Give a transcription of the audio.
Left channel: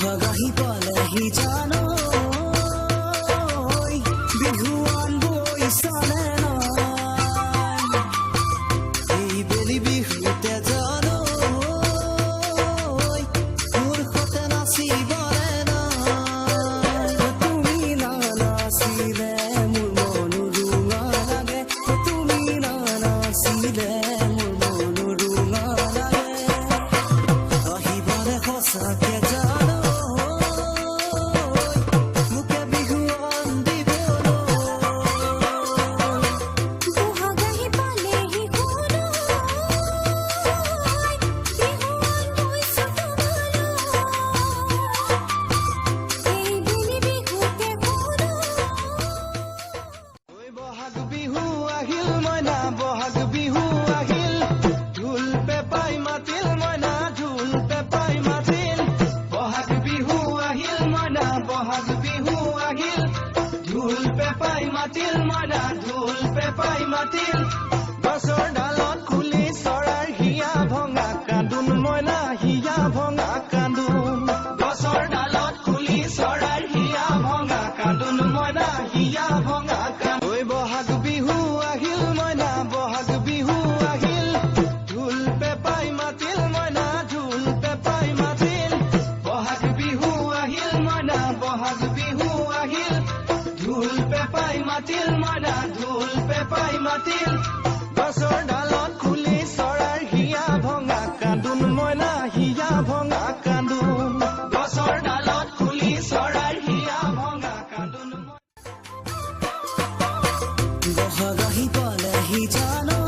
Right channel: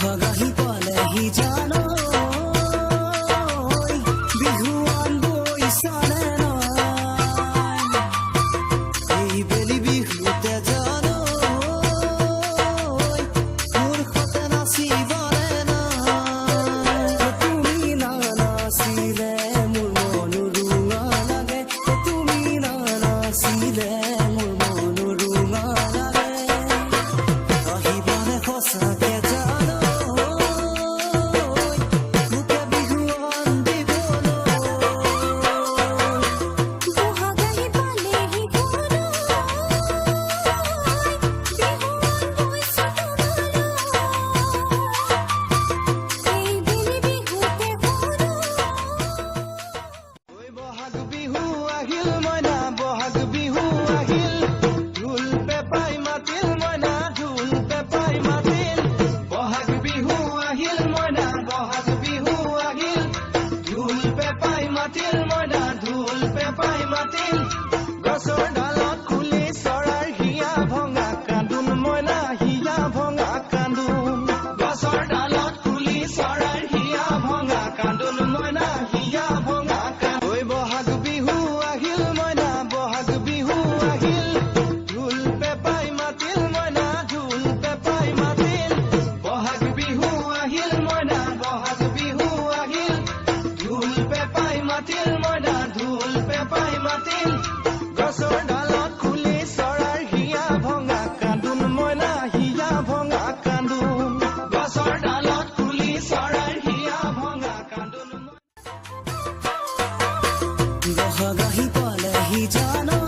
বহাগাহি পালেহি জানো বিহুৱান বৈছানে নাই এই বেলি বিহুতে জানো মোৰ সতে নাচিবনে নাই তুমি নানাচিলে মোৰ মনো ৰুঙা লাগে তুমি নানাচিলে মোৰ মনো ৰুঙা লাগে আহিবনে সঁচাকে জানো বহাগ বিহু আহিল ঢোল পেপাই মাতিল মইনা ঢোল পেপাই মাতিল বহাগ বিহু আহিল মইনা বহাগ বিহু আহিল ঢোল পেপাই মাতিল মইনা ঢোল পেপাই মাতিল গছৰ ডালত খুলি চৰাৰ হিয়া ভঙা কান্দোন মইনা হিয়া ভঙা কান্দোন গছৰ ডালত খুলি চৰাৰ হিয়া ভঙা কান্দোন মইনা হিয়া ভঙা ঐ বহাগ বিহু আহিল মইনা বহাগ বিহু আহিল ঢোল পেপাই মাতিল মইনা ঢোল পেপাই মাতিল বহাগ বিহু আহিল মইনা বহাগ বিহু আহিল ঢোল পেপাই মাতিল মইনা ঢোল পেপাই মাতিল গছৰ ডালত খুলি চৰাৰ হিয়া ভঙা কান্দোন মইনা হিয়া ভঙা কান্দোন গছৰ ডালত খুলি চৰাৰ হিয়া ভঙা কান্দোন বহাগাহি পালেহি জানো